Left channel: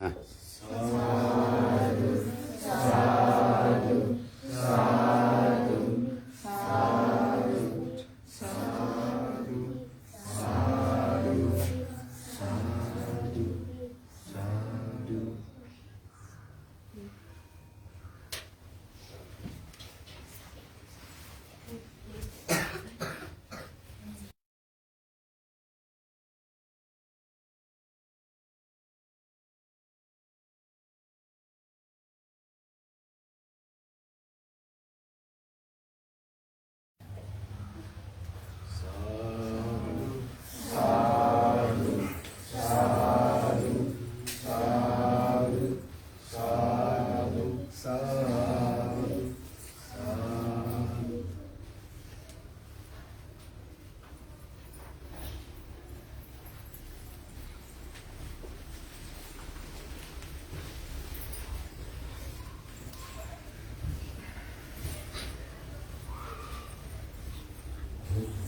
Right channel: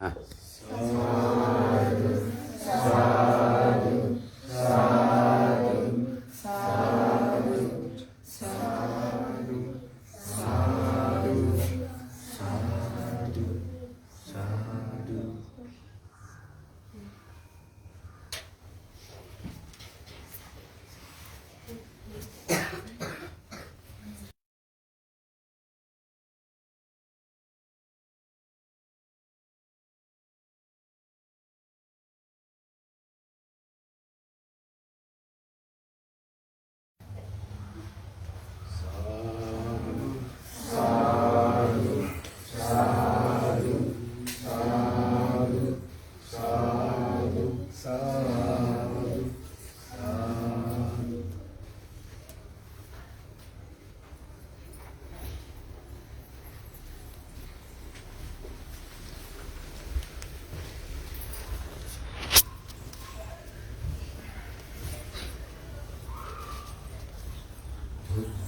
嗯。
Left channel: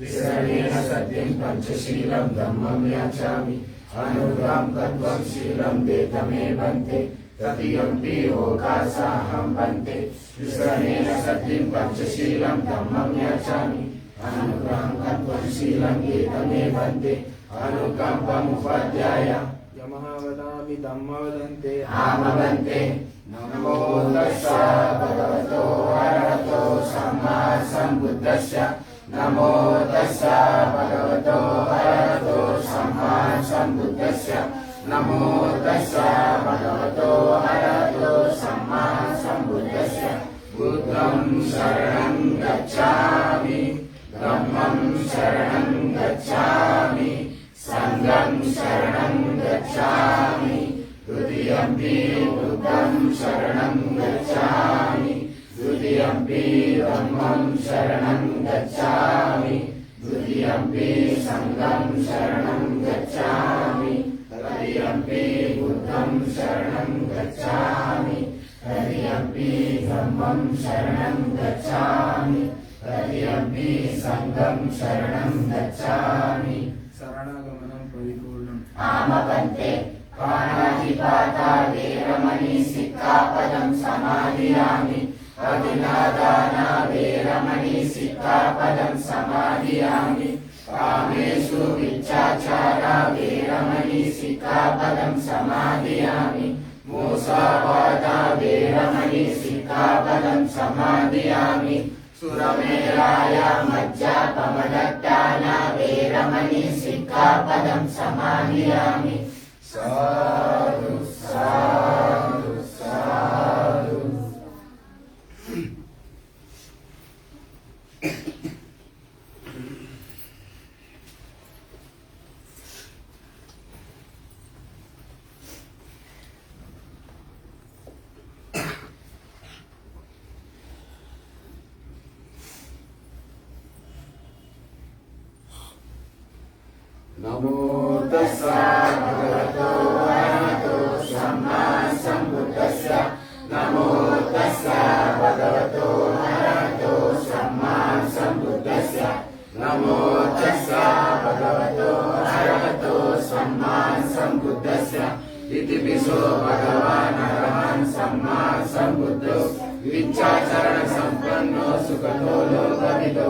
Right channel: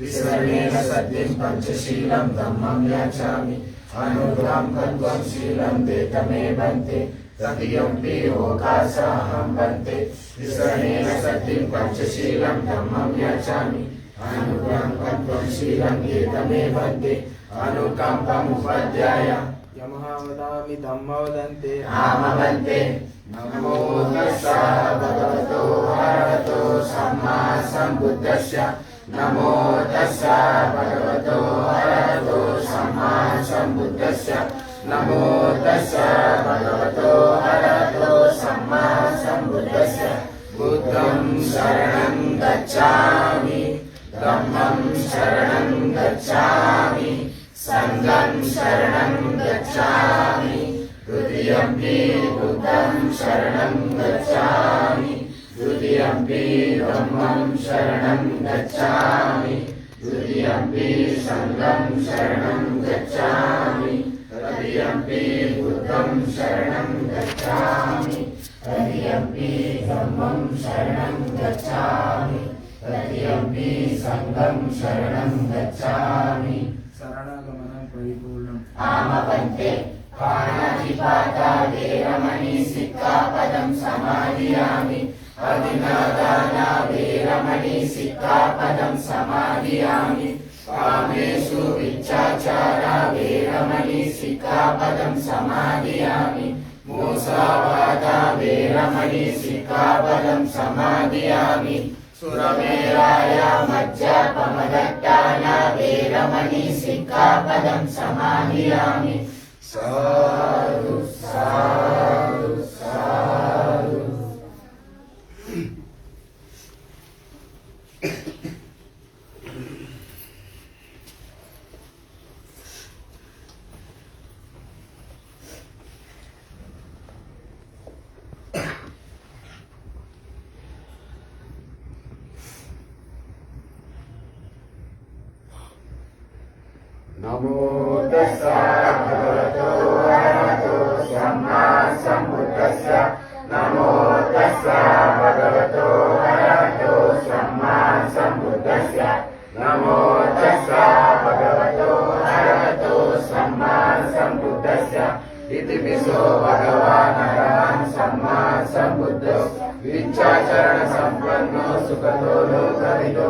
विसरणेन सत्यं पञ्चशीलं धर्मं याचामि। अनुगां तत्त्वं शीलं ते तमे वन्ते तदीयमपि लोकासाहं वन्ते विसरणेन सत्यं पञ्चशीलं धर्मं याचामि। अनुग्रहं कत्वं शीलं एतमे वंदे अनुकम्पमुपाध्याय। यमः वदामि धम्मो वदन्ते आमवन्ते नमो तस्स भगवतो अरहतो सम्मा सम्बुद्धस्य। नमो तस्स भगवतो अरहतो सम्मा सम्बुद्धस्य। नमो तस्स भगवतो अरहतो सम्मा सम्बुद्धस्य। बुद्धं शरणं गच्छामि धम्मं शरणं गच्छामि सङ्गं शरणं गच्छामि द्वितीयम्पि बुद्धं शरणं गच्छामि द्वितीयम्पि धम्मं शरणं गच्छामि द्वितीयम्पि सङ्गं शरणं गच्छामि तृतीयम्पि बुद्धं शरणं गच्छामि तृतीयम्पि धम्मं शरणं गच्छामि तृतीयम्पि सङ्गं शरणं गच्छामि शरणागमनं परिपूर्णम् आमवन्ते पाणातिपाता वेरमणि सिक्खापदं समाधियामि అవినాదాన వీరమణి సిక్కాపదం సమాధియామి కామేషు విచ్చాచార వీరమణి సిక్కాపదం సమాధియామి మూసావాద వీరమణి సిక్కాపదం సమాధియామి సురమేరాయ మజ్జాపమదట్టాన వీరమణి సిక్కాపదం సమాధియామి సాధు సాధు नमो तस्सा भगवतो अरहतो सम्मा सम्बुद्धस्य नमो तस्सा भगवतो अरहतो सम्मा सम्बुद्धस्य नमो तस्सा भगवतो अरहतो सम्मा सम्बुद्धस्य इति विशो भगवान् अरहन् सम्मा सम्बुद्धो विच्छाचरण सम्पन्नो सुखतो लोकविदो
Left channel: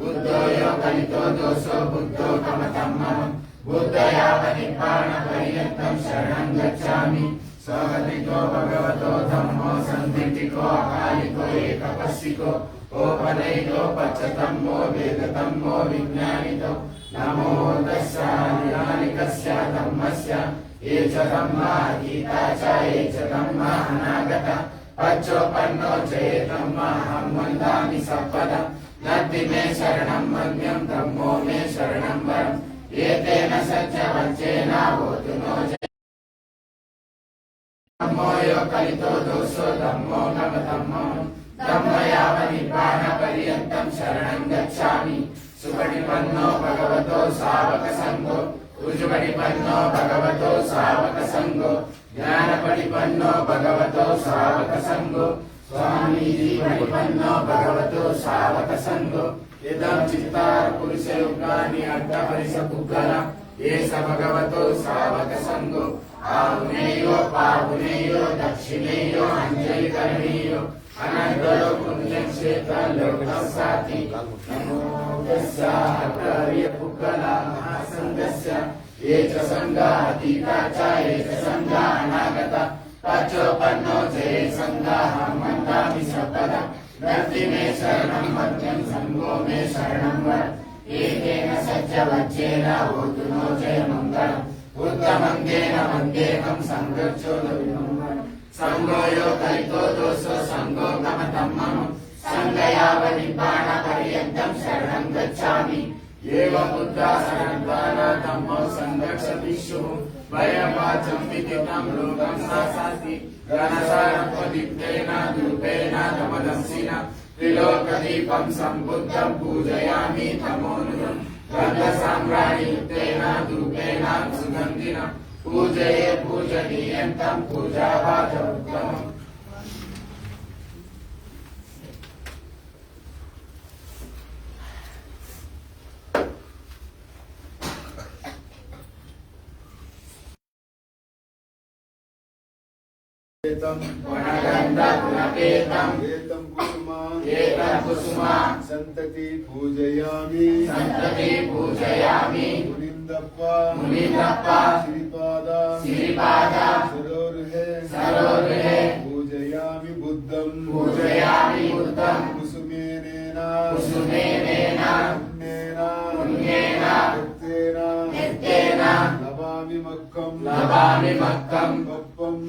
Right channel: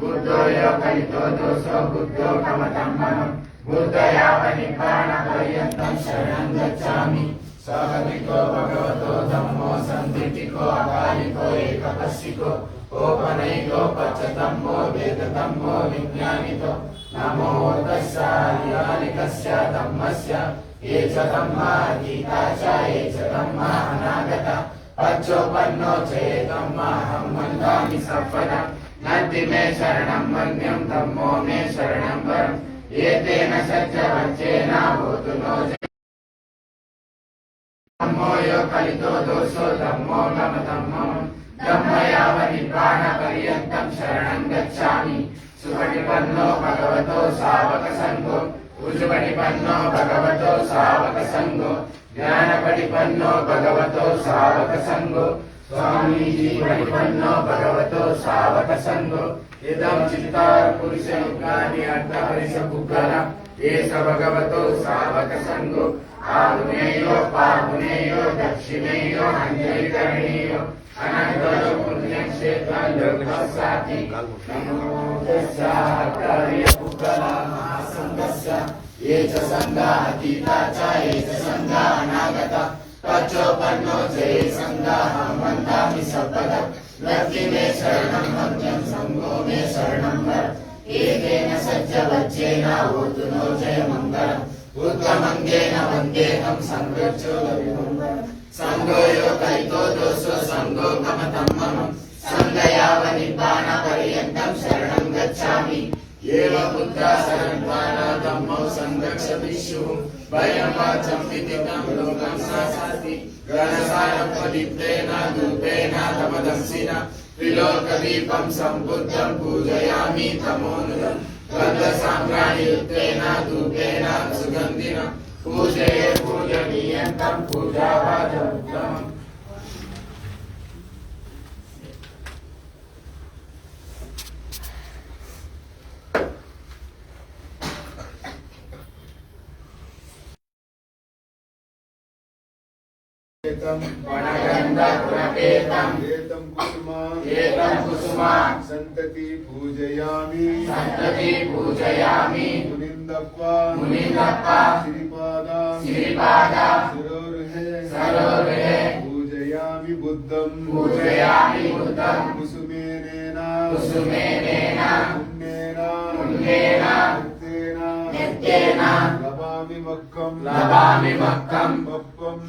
बुद्धो योगनितो दोषो बुद्धो गमतं मनो बुद्धयावनिपाणपर्यन्तं शरणं गच्छामि। सहमिको भगवतो धम्मो सन्दिटिको अकालिको एकपश्चिको गोपनैको पच्चतम्बो वेदतम्बो, विज्ञानितो। नमो तस्यानिकानिकस्य धम्मस्य। ये च धम्मा गीता च, ये च धम्मा अनागता। पच्चोपन्नो जये धम्मा अहं वन्दामि सपदम् నద్ది మే శరణం మన్యం తమ్మో మే శరణం వరం. ఏతేన సత్య వచ్చేన హోతునో ధమ్మో కలితో దోషో తమ్మో నమ తమ్మో. ధమ్మయావ నిబ్బాణ పర్యంతం శరణం గచ్చామి. సుపటి పన్నో భగవతో సావక సంగో. ఉజుపటి పన్నో భగవతో సావక సంగో. జ్ఞానపడి పన్నో భగవతో సావక సంగో. స్వామీజీ పడి పన్నో భగవతో సావక సంగో. ఇదం చిత్తార పురుష యుగాని అడ్డ హరిష బుగ్గల ఏస భగవతో సావక సంగో. ఆమునేయో పామునేయో దక్షిణేయో అంజలి కరణీయో అనంతలో పుణ్యక్షేత్రాల్లో సాతి. నమో తస్యాచార్య పుక్కల మహాసంగస్య. ఏ చ సంగా అతీత చ ఏ చ సంగా అనాగత పచ్చోపన్నో చే సంగా వందామి సపద నర్తి మే శరణం మధ్యం సంగో మే శరణం వర ఏకేన సజ్జ వచ్చేన ఓతునో జయ మంగళం ఉత్తమంగేన వందేహం సంగచ్చోద విమంగళం సంగోయో కైతో దోషో సంగో కమతం పర్యంతం శరణం గచ్చామి ఏవ భయం వాచం విదితం లోకం నాశాస్తి గణసారం ప్రదీప్తేన ధూపేన తమదంసిన త్రిలోకదీపం సంబుద్ధం పూజయామి తమోనురం గంధ సామ్రాణియుక్తేన ధూపేన సుగంధిన పూజయే एतम पूजयामि। संतति पूजयामि। मुनिंदप्पा मुनिंदप्पा श्रीपादा श्रीपादा सरोरहे। सरोरहे। पूजयामि बुद्धं पूजयामि बुद्धं कुसुमेनेन। कुसुमेनेन। पुण्येन। पुण्येन। नित्येन नित्येन लभामि मक्कं लभामि मक्कं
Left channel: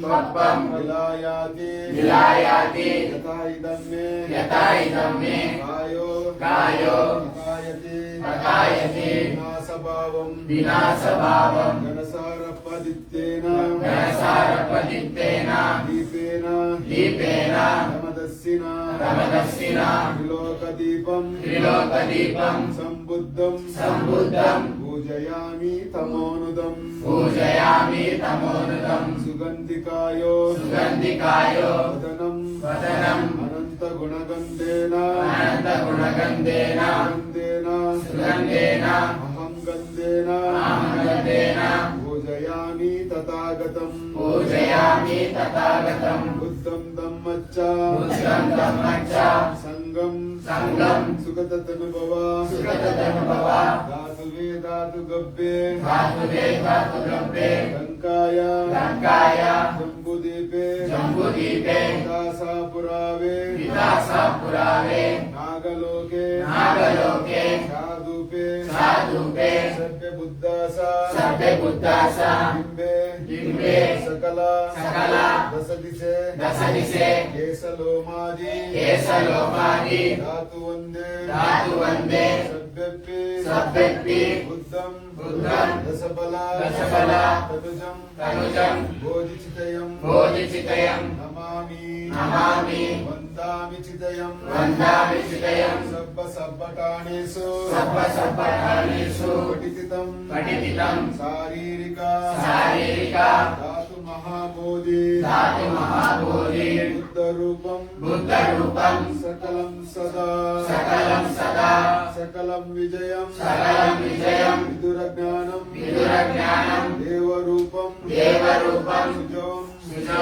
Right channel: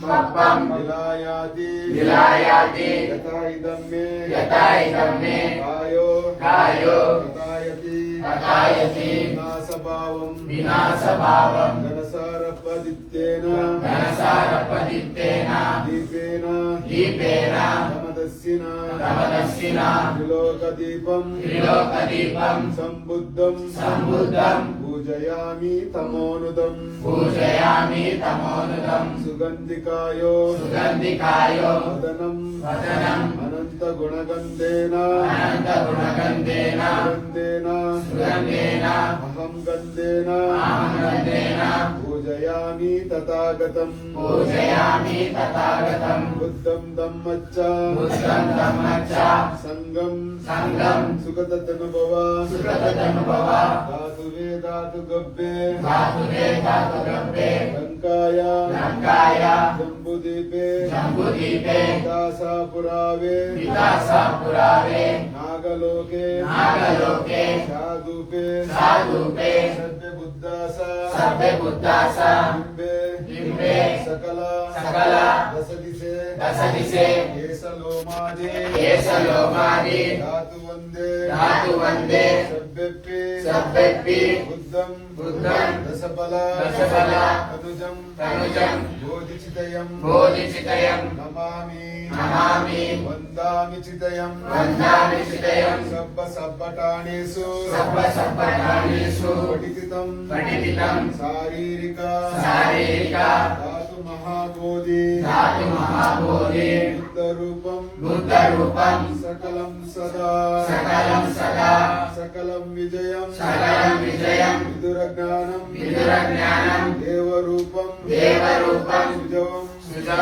పప్పం విలాయాతి విలాయాతి యథా ఇదం మే యథా ఇదం మే కాయో కాయో తథాయతి తథాయతి వినాశభావం వినాశభావం ఘనసారపదిత్యేన ఘనసారపదిత్తేన దీపేన దీపేన సమదస్సిన ప్రమదస్సిన త్రిలోకదీపం త్రిలోకదీపం సంబుద్ధం సంబుద్ధం पूजयामि तमोनुदम् पूजयामि तमोनुदम् सुगन्धिकायो सुगन्धिकायो वदनम् वदनम् अनन्तगुणगन्धेन अनन्तगुणगन्धेन गन्धेन सुगन्धेन अहं गन्धेन अहं गन्धेन पूजयामि तथागतम्। पूजयामि तथागतम्। बुद्धं दम्मच्चा बुद्धं दम्मच्चा सङ्गं सङ्गं सुखदतनुभव सुखदतनुभव धातुवे धातु गव्ये धातुवे धातु गव्ये लङ्काय। लङ्काय। जम्बुदीपे। जम्बुदीपे। दासा पुरावे। दासा पुरावे। नागलोके। नागलोके। साधुपे। साधुपे। सत्य बुद्धासा सत्य बुद्धासा बिंबे बिंबे सकला। सकला। दशदिशे। दशदिशे। केशलोमादि। केशलोमादि। धातु वंदे धातु वंदे सभ्यपि सभ्यपि बुद्धं बुद्धं दशबला दशबला तनुजं तनुजं बोधिचितयम। बोधिचितयम। नमामि। नमामि। वन्दामि चितयं वन्दामि चितयं చితయం సబ్బ సబ్బటానేషు సర్వ సర్వకాలేషు పఠితం పఠితం శారీరిక. శారీరిక. ధాతు మహాబోధి. ధాతు మహాబోధి. బుద్ధ రూపం బుద్ధ రూపం సకలం సదా. సకలం సదా. సకలం విజయం. సకలం విజయం. విదుర జ్ఞానం విదుర జ్ఞానం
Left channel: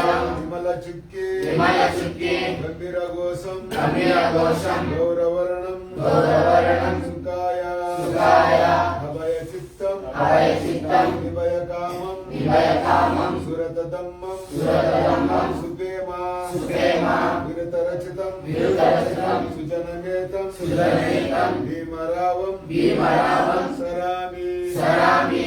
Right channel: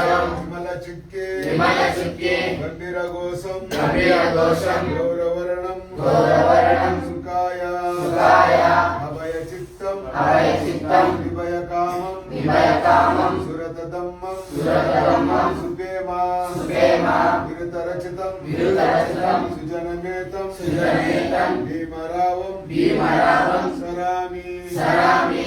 విమల చిక్కి విమల చిక్కి గంభీర ఘోషం. గంభీర ఘోషం. గౌరవర్ణం. గౌరవర్ణం. సుఖాయ. సుఖాయ. అభయ చిత్తం అభయ చిత్తం విభయ కామం విభయ కామం సురత దమ్మం సురతదమ్మం. సుఖేమా. సుఖేమా. విరుతరచితం. విరుతరచితం. సుజనమేతం సుజనమేతం భీమరావం. భీమరావం. సరామి. సరామి.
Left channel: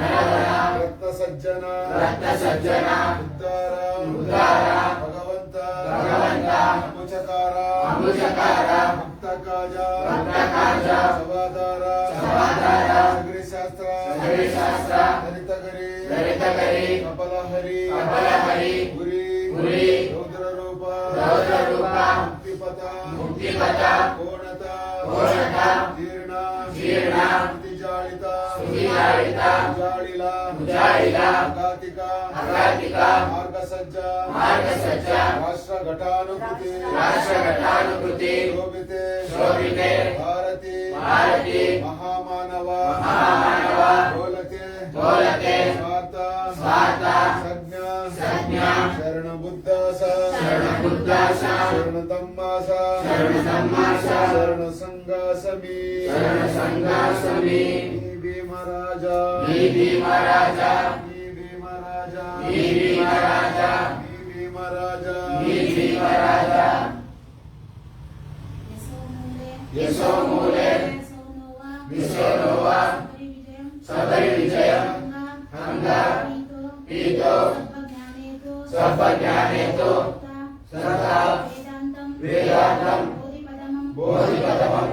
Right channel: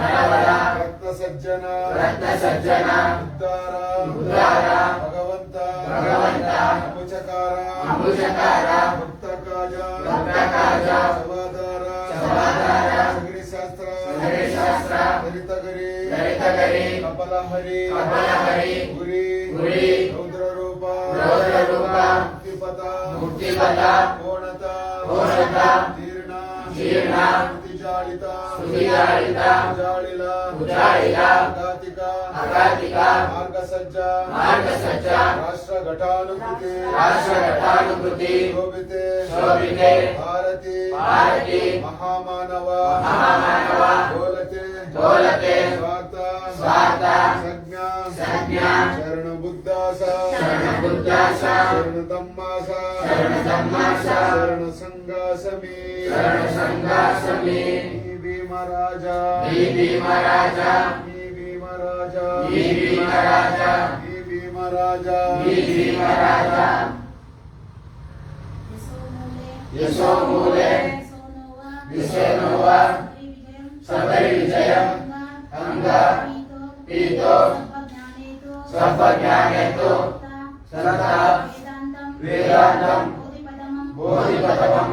ರತ್ನ ಸಜ್ಜನ ರತ್ನ ಸಜ್ಜನ ಉದ್ದಾರ ಉದ್ದಾರ ಭಗವಂತ ಭಗವಂತ ಅಮುಚಕಾರ ಅಮುಚಕಾರ ಭಕ್ತ ಕಾಜ ಭಕ್ತ ಕಾಜ ಸವಾದಾರ ಸವಾದಾರ ಅಗ್ನಿಶಾಸ್ತ್ರ ಅಗ್ನಿಶಾಸ್ತ್ರ ದಲಿತಗರಿ ದಲಿತಗರಿ ಕಪಲಹರಿ ಕಪಲಹರಿ ಗುರಿ ಗುರಿ ರೌದ್ರ ರೂಪ ರೌದ್ರ ರೂಪ ಮುಕ್ತಿಪದ ಮುಕ್ತಿಪದ ಕೋಣತ ಕೋಣತ ಜೀರ್ಣ ಜೀರ್ಣ ಉಜಾಳಿಲ ಉಜಾಳಿಲ ಅಗಾತಿಕ ಅಗಾತಿಕ ಮಾರ್ಗಸಜ್ಜ ಮಾರ್ಗಸಜ್ಜ ರಾಷ್ಟ್ರ ಘಟಾನುಕೃತಿ ರಾಷ್ಟ್ರ ಘಟಾನುಕೃತಿ ಶೋಭಿತೆ ಶೋಭಿತೆ ಭಾರತಿ ಭಾರತಿ ಮಹಾಮಾನವ ಮಹಾಮಾನವ ಗೋಲತೆ ಗೋಲತೆ ಸ್ವಾರ್ಥ ಸ್ವಾರ್ಥ ಸಜ್ಞ ಸಜ್ಞ ಶರಣ ಬುದ್ಧಾಸ ಶರಣ ಬುದ್ಧಾಸ ಶರಣ ತಮ್ಮಾಸ ಶರಣ ತಮ್ಮಾಸ ಶರಣ ಸಂಗಾಸಮಿ ಶರಣ ಸಂಗಾಸಮಿ महाराजा। जी भीम राजा जी भीम राजा जी भीम राजा जी भीम राजा जी भीम राजा यशो मूले। विश्वनोवा सबै विजयं हंगा पीतो। सर्वज्ञानेतो। सदा वेदान्तं। बोधिपदमं।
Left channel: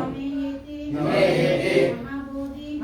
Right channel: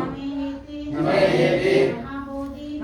नमेति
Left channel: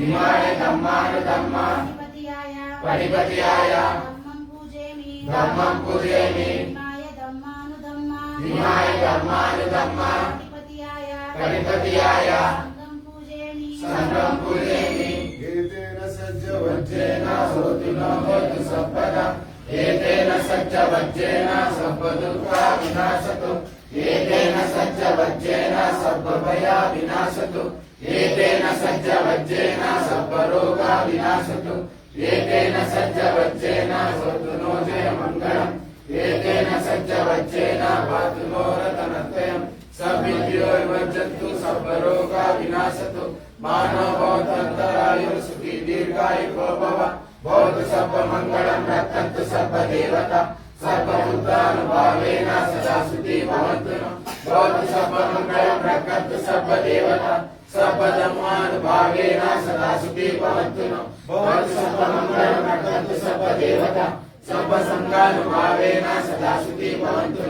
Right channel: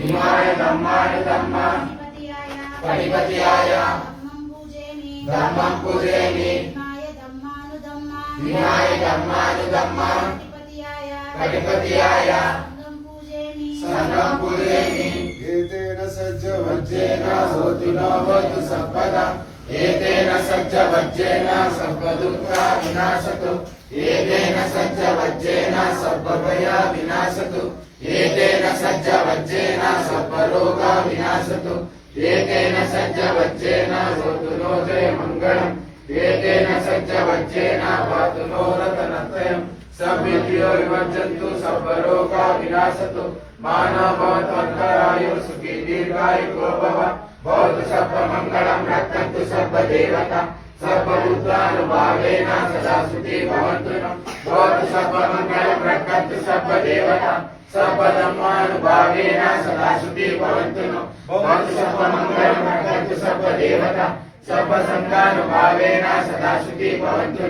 బుద్ధం పూజేమి బుద్ధం పూజేమి హిమాయ దమ్మానుదమ్మ హిమాయ దమ్మానుదమ్మ పటిపతియాయ ధమ్మం పూజేమి ధమ్మం పూజేమి హిమాయ దమ్మానుదమ్మ హిమాయ దమ్మానుదమ్మ పూజేమి ఏతేన సజ్జ వజ్రేన సోతినో భవతు ఏతేన సజ్జ వజ్రేన సర్వదుఃఖ వినాశతు ఏతేన సజ్జ వజ్రేన సర్వభయ వినాశతు. एतेन सज्जवज्रेण सर्वरोगा विनाशतु। एतेन सज्जवज्रेण भवतु नो जयमङ्गलम् एतेन सज्जवज्रेण पातु नो रतनत्रयम्। समित्यो विभजन्तु सर्वरोगा विनाशतु। मा भवतु अन्तरायु सुखी दीर्घायुको भव भवतु सर्वमङ्गलम् रक्षन्तु सर्वदेवता सर्वभूतानुभावेन सदा सुखी भवन्तु। भवतु सर्वमङ्गलम् रक्षन्तु सर्वदेवता భవతు సర్వ మంగళం రక్షంతు సర్వ దేవత సర్వధర్మానుభావేన సదా సుఖీ భవంతు భవతు సర్వ మంగళం రక్షంతు సర్వ దేవత సర్వ సంఘానుభావేన సదా సుఖీ భవంతు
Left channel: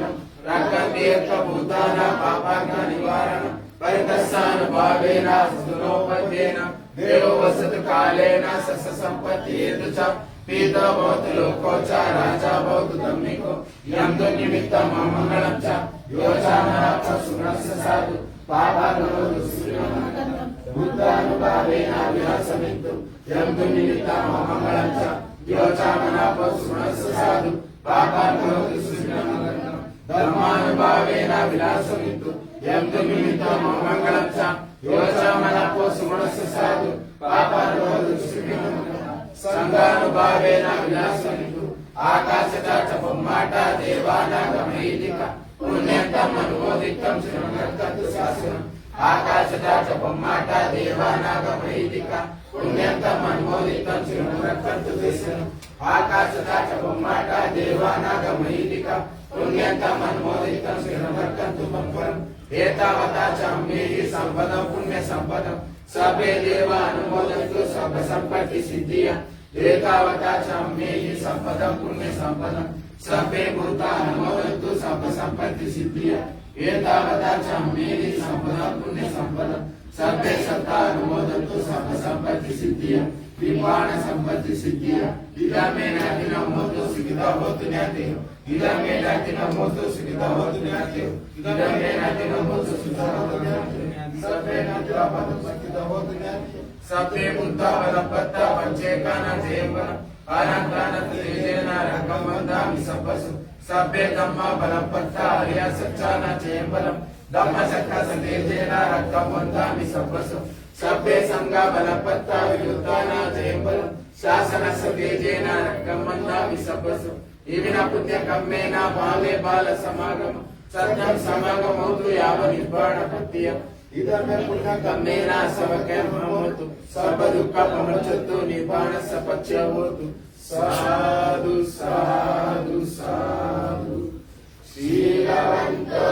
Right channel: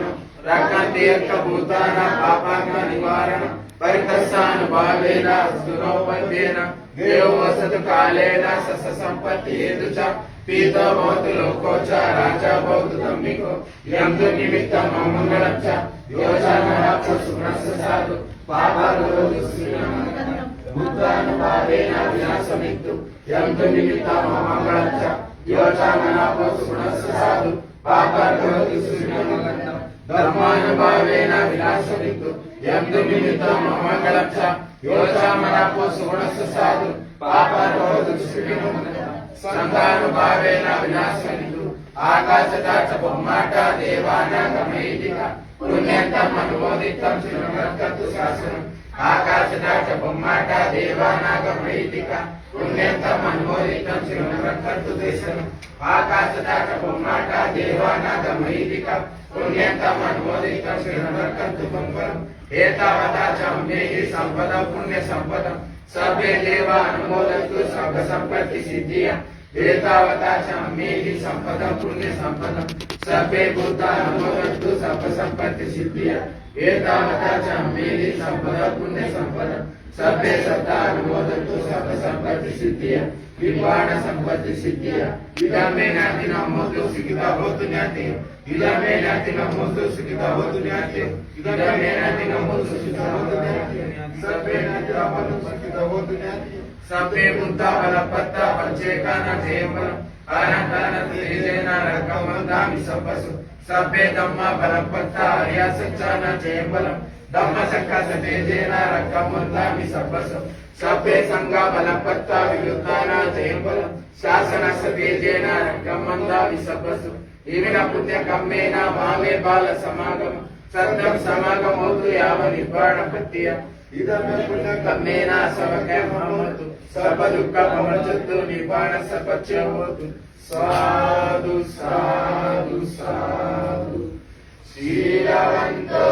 రక్షంతి యొక్క భూతాన పాపాంగ నివారణ పరితస్సానుభావేన సునోపద్యేన దేవ వసతు కాలేన సస సంపత్తి హేతు చ. పీత భవతు ಪಾಪಗಳು ಬುದ್ಧಾನುಭಾವೇನ ವಿನಾಶಮಿತ್ತು ಎಂದು ನಿಮಿತ್ತ ಮಮಗಳಂಚ ಯೋಚಾಮಲಾಪ ಸುಣಸ್ಸ ಸಾಧು ಪಾಪಗಳು ಧರ್ಮಾನುಭಾವೇನ ವಿನಾಶಮಿತ್ತು ಎಂದು ಸಾಧು ಪಾಪಗಳು ಸಂಘಾನುಭಾವೇನ ವಿನಾಶಮಿತ್ತು ಆಕಾಶದಾಚ ಬೊಮ್ಮಾಟ ದೇವಾನ ಗಮೈದಿಕ ధర్మానుభావేన వినాశమిత్తు యందు నిమిత్తం మంగళం బొమ్మాట దేవానాగ పుణ్యంతం అనుమోదితం దేశం బొమ్మాట దేవానాగ పుణ్యంతం అనుమోదితం ఏతావతా సంపద పుణ్య సంపద సభే దేవ అనుమోదంతు సభ సంపత్తి సిద్ధియ. ಏಕಾವತಾಚಂ ಮೇಹಿ ಸಂಪದಂ ಪುಣ್ಯ ಸಂಪದಂ ಸಭೆ ಭೂತ ಅನುಮವಂತು ಸರ್ವ ಸಂಪತ್ತಿ ಸಿದ್ಧಿಯ ಸಂಪದ ಪುಣ್ಯ ಸತ್ತ ಅನುಮೋದಂತು ಸರ್ವ ಸಂಪತ್ತಿ ಸಿದ್ಧಿಯ ನಿರ್ವಾಣ ಸಂಪತ್ತಿ ಸಿದ್ಧಿಯ ಇದಮೇ ನಾತಿನ ಮೊದಲು ಸಿಕ್ಕಿದ ಹೊತ್ತು ಜ್ಞಾತೆ ಇದಮೇ ಸಿಕ್ಕಿದ ಹೊತ್ತು ಜ್ಞಾತೆ ಇದಮೇ ನಾತಿನ ಮೊದಲು ಸಭೆ ನಾತಿನ ಮೊದಲು ಸಿಕ್ಕಿದ జ్ఞాతి సభే పంచేకాన జయంబరం ఆనందాన తేజేన రకమందామి సబ్బసు సభే దమ్మ బలపత్త హర్య సచ్చాన దమ్మ సక్క సతేజేన రకమందామి సబ్బసు సభే సంగ బలపత్త విరుద్ధాన జయంబరం శాసన సతేజేన రకమందామి సబ్బసు ఇవిన పుణ్య కమ్మేన భావే బాల సమాగమ సత్యం సమాగమౌతు యావ నిర్వాణ పత్యం ఇదమే పుణ్య కమ్మేన సవకే మహమతు సర్వ దుఃఖ పమచత్తు నిబాణ సపచ్చవతు సాధు సాధు సాధు. శీలవంతో